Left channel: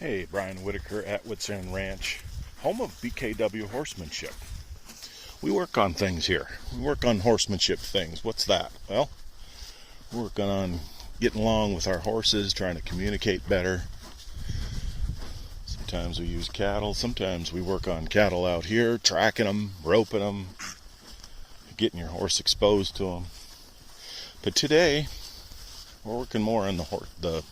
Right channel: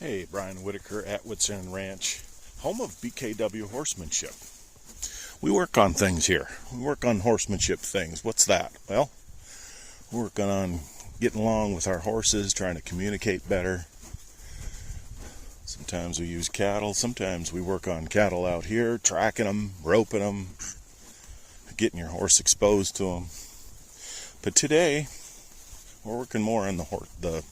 Hey, Brian Whitaker at Woods End Ranch, home of BKW horsemanship. We work on things here. We work on horsemanship things. What's that? Well, we're working on getting along with our horses, trying to communicate better. Sometimes we use cattle. Sometimes we work on cattle out here, tracking them, roping them, getting your horse exposed to them. But today, we're working more on the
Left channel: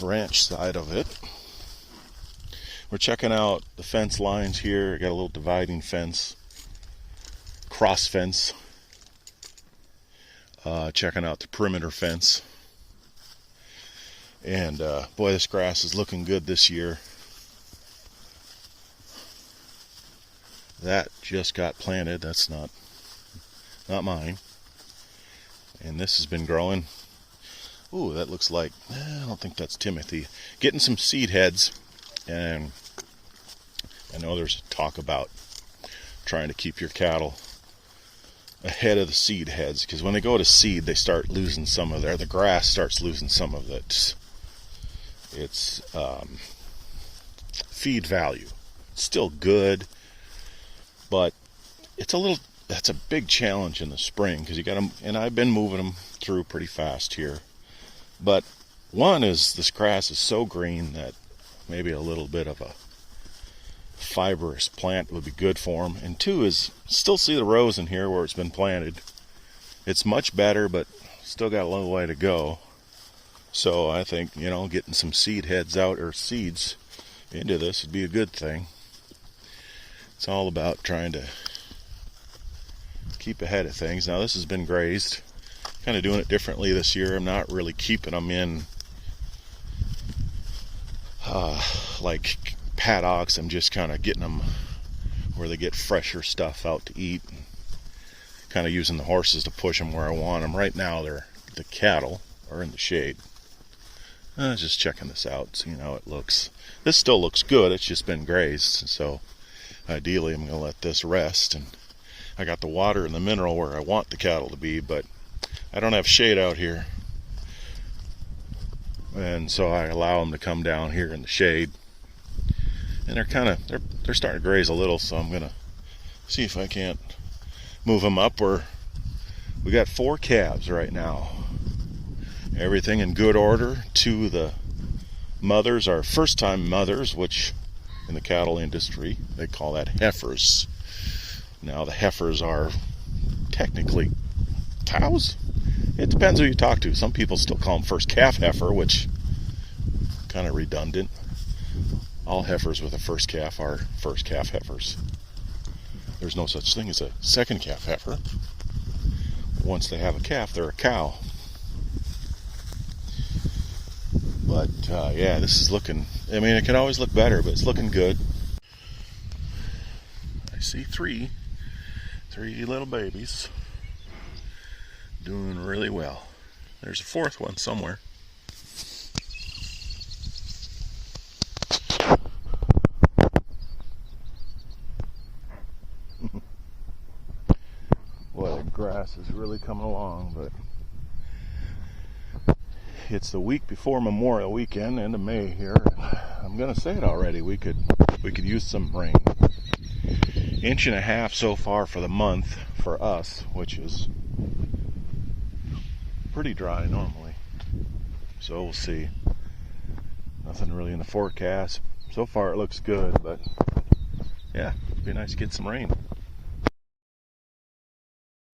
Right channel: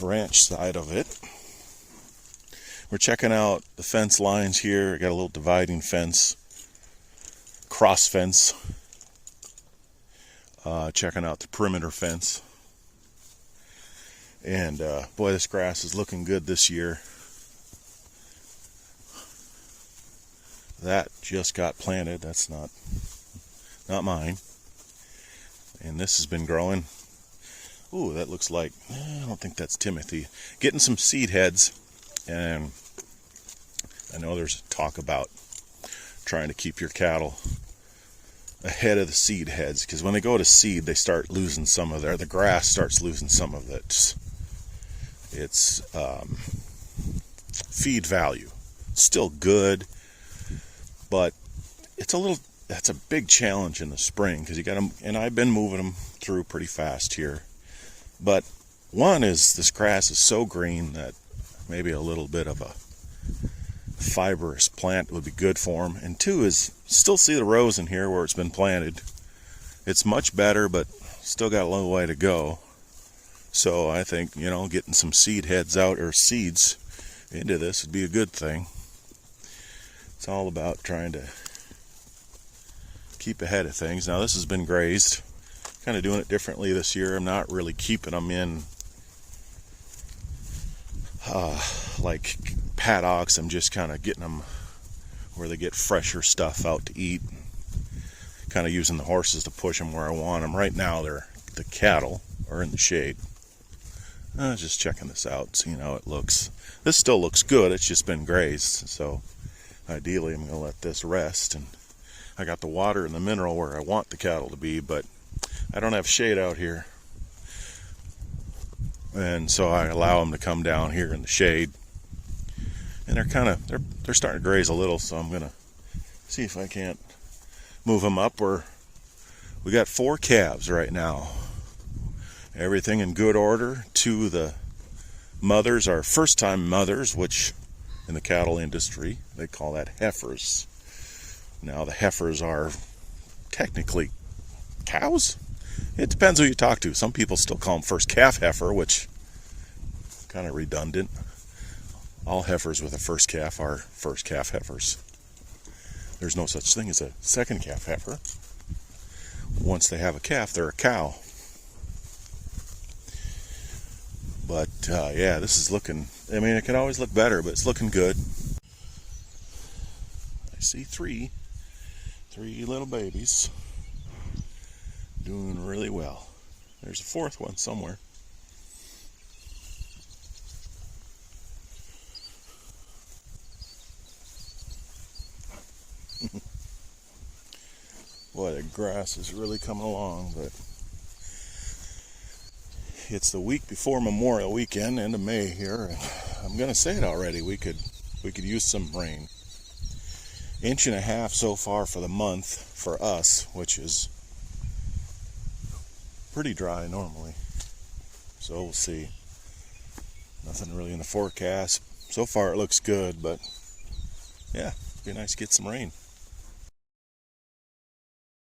ranch side of it. We're checking out the fence lines here. Got a little dividing fence, cross fence. Checking out the perimeter fence. And boy, this grass is looking good this year. That just got planted. That's not mine. And this has been growing. Ooh, that looks like, I don't think that's Timothy. Getting some seed heads. And I know there's talk about trying to keep your cattle ahead of the seed heads, because when they go to seed, they start losing some of the grass starts losing some of its feed value. It's still good, but that's a big challenge in the spring, because you got them, and I've been moving them through pretty fast here. But one is, this grass is so green that maybe a little bit of a fibrous plant would be good for them. And two is, still see the rows in here where it's been planted. It's much better, but still got a long way to go. So I think, getting some seed heads out, or seeds into this, would be a good thing. It's all about trying to keep ahead of things. Now this has been grazed. Kind of doing it differently this year. I'm not really keeping them in like paddocks. I'm just kind of getting them where they get fresher stuff out to eat. Kind of using the horses to push them where I want them. Right now, the cattle are in the shade. Just checking this out, seeing how it looks. This still looks good. It's just been grazed. So ideally, I'm going to let this rest. And I got the water and the mineral where I want the cattle to be, but I don't have shade out here. And so I allow them to come down here in the shade. And they're starting to graze a little, so I'm gonna see if I can't move them up. We got 4 calves right now. Everything in good order. 2 of the mothers are first-time mothers, which in the cattle industry they call that heifers. Now the heifers are technically cows. It depends who you talk to. Some people still call them first calf heifer, which kind of redundant. All heifers with a first calf are first calf heifers. There's no such thing as a second calf heifer. Once they have a calf, they're a cow. But yeah, this is looking, it can always look better, but it's looking good. I see three little babies doing really well. There's a 4th one somewhere. Boy, the grass is really coming along, but it's the week before Memorial Weekend, end of May here. And I'm gonna say it already. We could use some rain. 1.5 inches so far for the month for us, which is pretty dry normally. So we'll see. Nothing really in the forecast. So far it looks good, but yeah, it'd be nice to get some rain.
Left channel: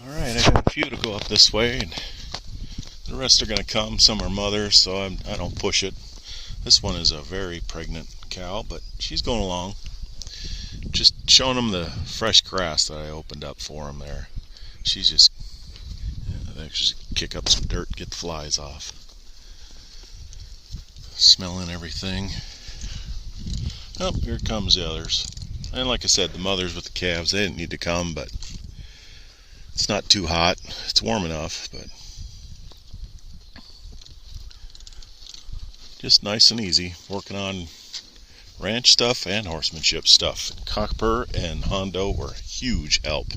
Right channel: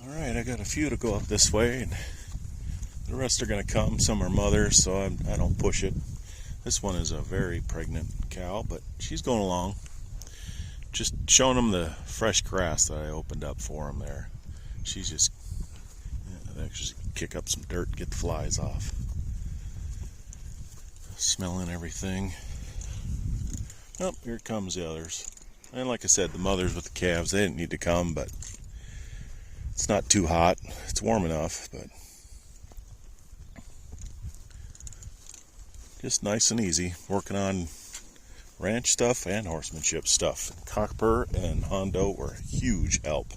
Alright, I got a few to go up this way, and the rest are going to come. Some are mothers, so I don't push it. This one is a very pregnant cow, but she's going along. Just showing them the fresh grass that I opened up for them there. She's just, kick up some dirt, get the flies off. Smelling everything. Oh, here comes the others. And like I said, the mothers with the calves, they didn't need to come, but it's not too hot. It's warm enough, but just nice and easy. Working on ranch stuff and horsemanship stuff. Cockper and Hondo were a huge help.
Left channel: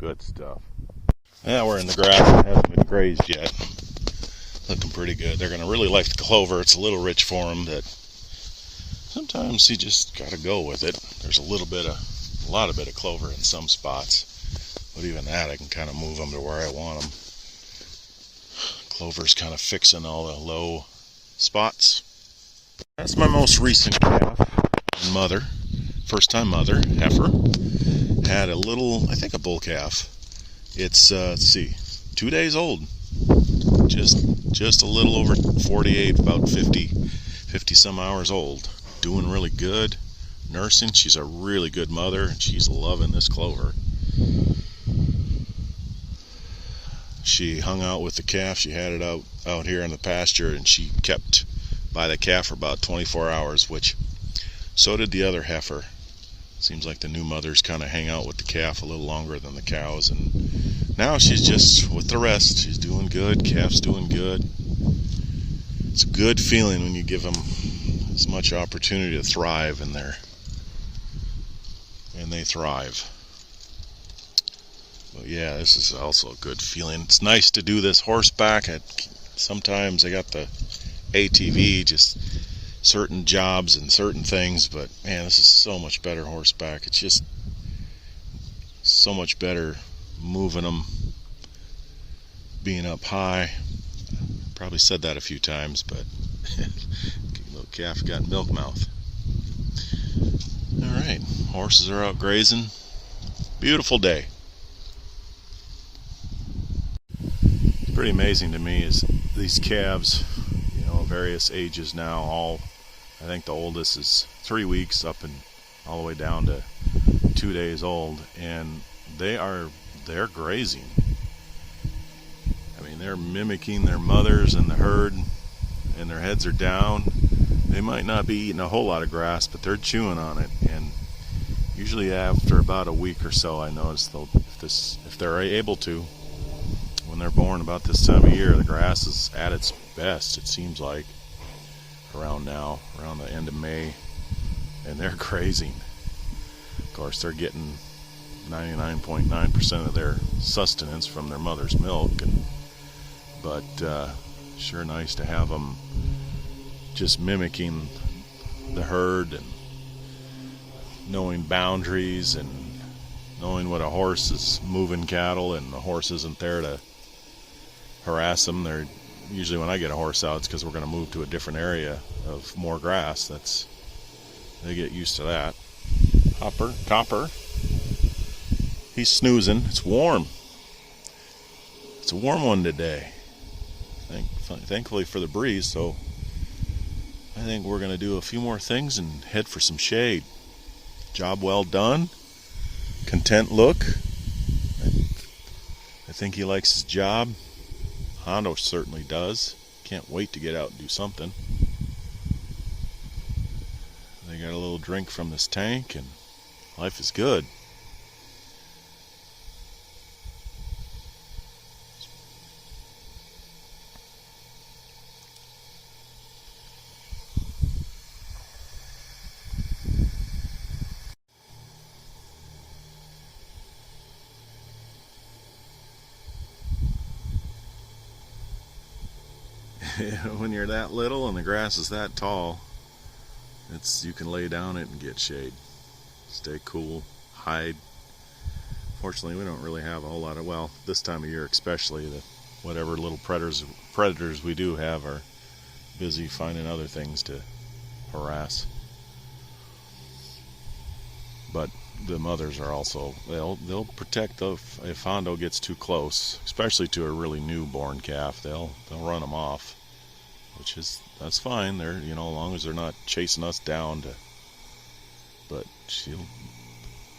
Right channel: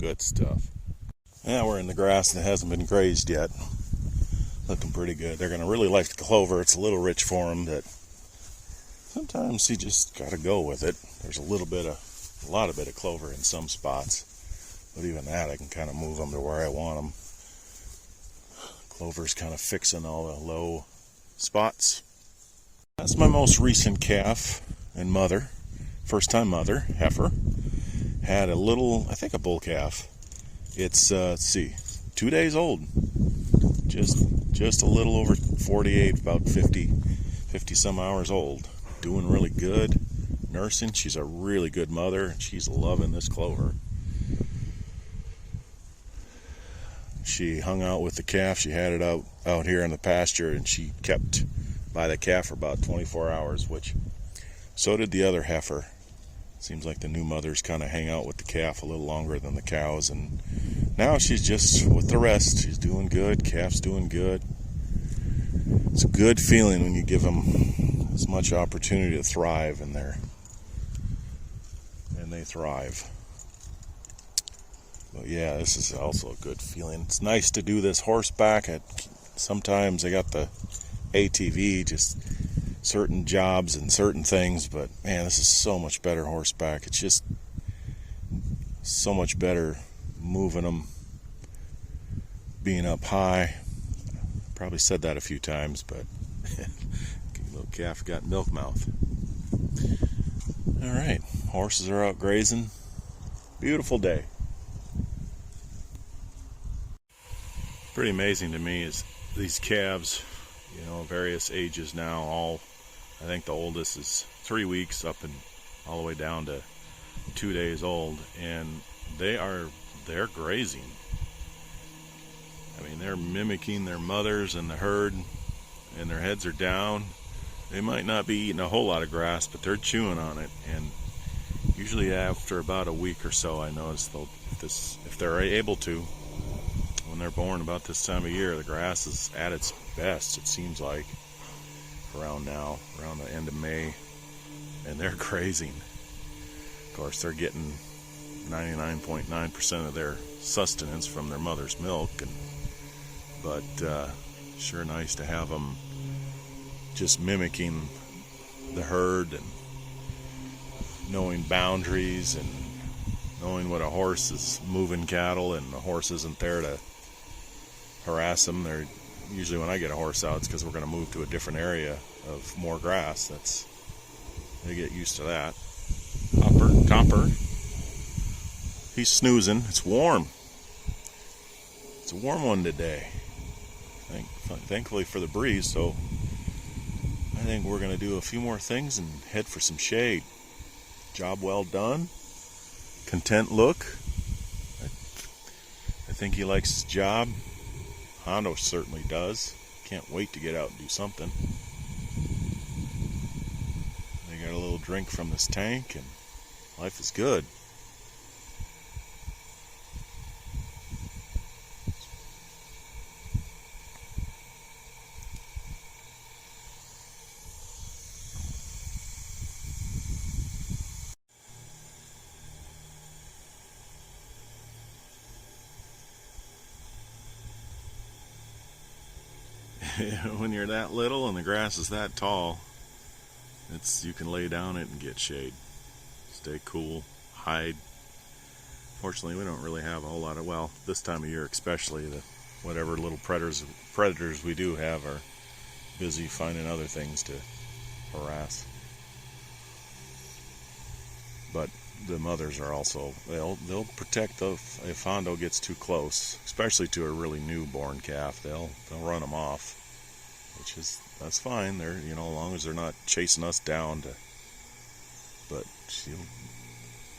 Good stuff. Yeah, we're in the grass that hasn't been grazed yet. Looking pretty good. They're going to really like the clover. It's a little rich for them, that sometimes you just got to go with it. There's a lot of clover in some spots, but even that I can kind of move them to where I want them. Clover's kind of fixing all the low spots. That's my most recent calf and mother. First time mother, heifer. Had a little, I think a bull calf. It's, let's see, 2 days old. Just a little over 48, about 50 some hours old. Doing really good. Nursing. She's a really good mother, and she's loving this clover. She hung out with the calf. She had it out here in the pasture, and she kept by the calf for about 24 hours, which so did the other heifer. Seems like the new mothers kind of hang out with the calf a little longer than the cows, and now she's just with the rest. She's doing good. Calf's doing good. It's a good feeling when you give them as much opportunity to thrive in there, and they thrive. But yeah, this is also a good feeling. It's nice to do this horseback. Sometimes I got the ATV, just certain jobs and certain things, but man, this is so much better horseback. It's just so much better moving them, being up high. Probably said that a few times, but little calf got milk mouth. All right, horses are out grazing. Beautiful day. It's pretty amazing to me is these calves, various ages now. I think the oldest is 3 weeks up and all the way down to 2 days old, and they're grazing. I mean, they're mimicking their mothers and the herd, and their heads are down. They might not be eating a whole lot of grass, but they're chewing on it. And usually after about a week or so, I notice if they're able to, when they're born about this time of year, the grass is at its best, it seems like, around the end of May, and they're grazing. Of course, they're getting 99.9% of their sustenance from their mother's milk, but sure nice to have them just mimicking the herd and knowing boundaries and knowing what a horse is moving cattle, and the horse isn't there to harass them. They're usually, when I get a horse out, it's because we're going to move to a different area of more grass. They get used to that. Copper. He's snoozing. It's warm. It's a warm one today. Thankfully for the breeze, so I think we're going to do a few more things and head for some shade. Job well done. Content look. I think he likes his job. Hondo certainly does. Can't wait to get out and do something. They got a little drink from this tank, and life is good. When you're that little and the grass is that tall, you can lay down it and get shade. Stay cool, hide. Fortunately, we don't really have a whole lot of, well, this time of year especially, whatever little predators we do have are busy finding other things to harass. But the mothers are also, they'll protect if Hondo gets too close, especially to a really newborn calf. They'll run them off, that's fine. They're, as long as they're not chasing us down but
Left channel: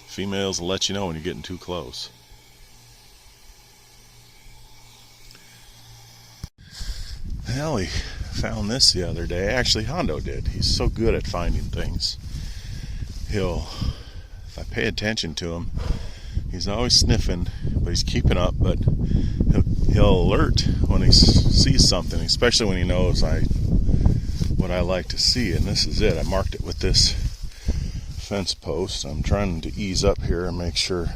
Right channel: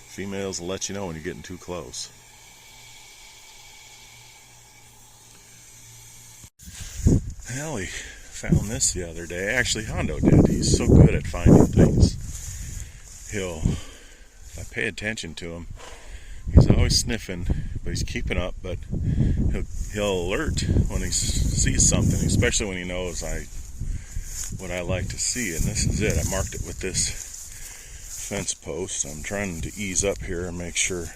females will let you know when you're getting too close. Well, we found this the other day. Actually, Hondo did. He's so good at finding things. If I pay attention to him, he's always sniffing, but he's keeping up. But he'll alert when he sees something, especially when he knows what I like to see. And this is it. I marked it with this fence post. I'm trying to ease up here and make sure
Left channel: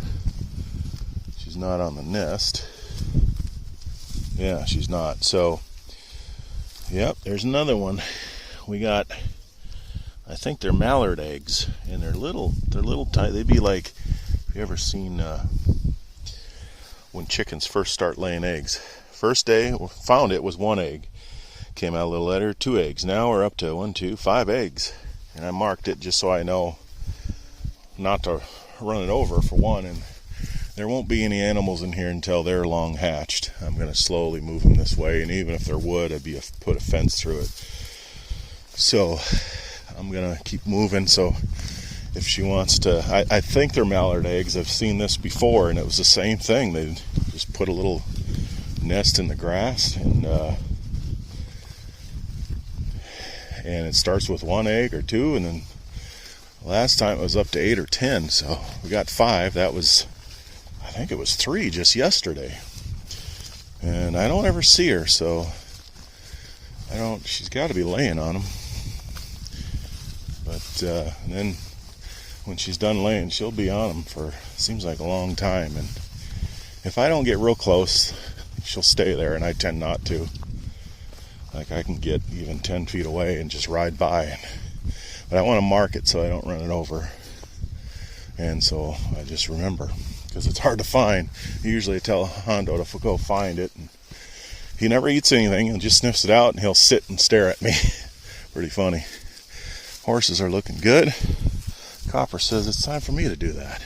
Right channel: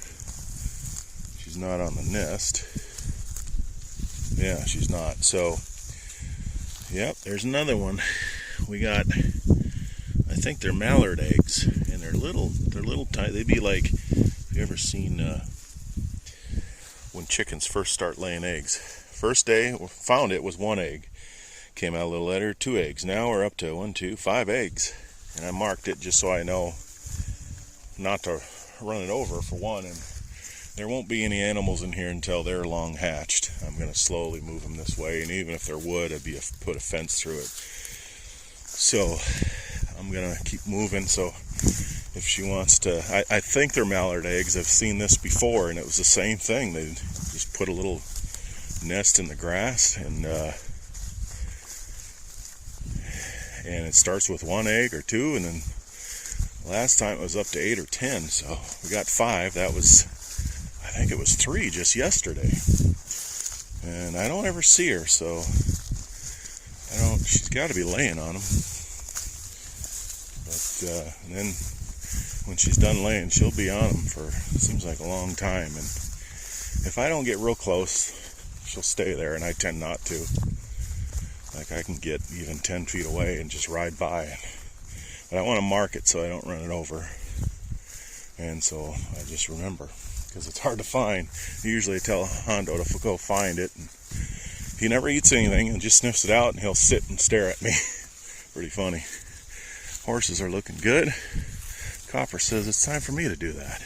she's She's not on the nest. Yeah, she's not. So, yep, there's another one. We got, I think they're mallard eggs, and they're little tiny. They'd be like, have you ever seen when chickens first start laying eggs? First day, found it was 1 egg. Came out a little later, 2 eggs. Now we're up to 1, 2, 5 eggs. And I marked it just so I know not to run it over, for one, and there won't be any animals in here until they're long hatched. I'm going to slowly move them this way, and even if there would, I'd put a fence through it. So I'm going to keep moving. So if she wants to, I think they're mallard eggs. I've seen this before, and it was the same thing. They just put a little nest in the grass, and it starts with 1 egg or 2, and then last time it was up to 8 or 10. So we got 5. That was, I think it was 3 just yesterday, and I don't ever see her, so she's got to be laying on them. But then when she's done laying, she'll be on them for, it seems like, a long time, and if I don't get real close, she'll stay there, and I tend not to. Like, I can get even 10 feet away and just ride by, but I want to mark it so I don't run it over, and so I just remember, because it's hard to find. Usually I tell Hondo to go find it, and he never eats anything and just sniffs it out, and he'll sit and stare at me. Pretty funny. Horses are looking good. Copper says it's time for me to do that.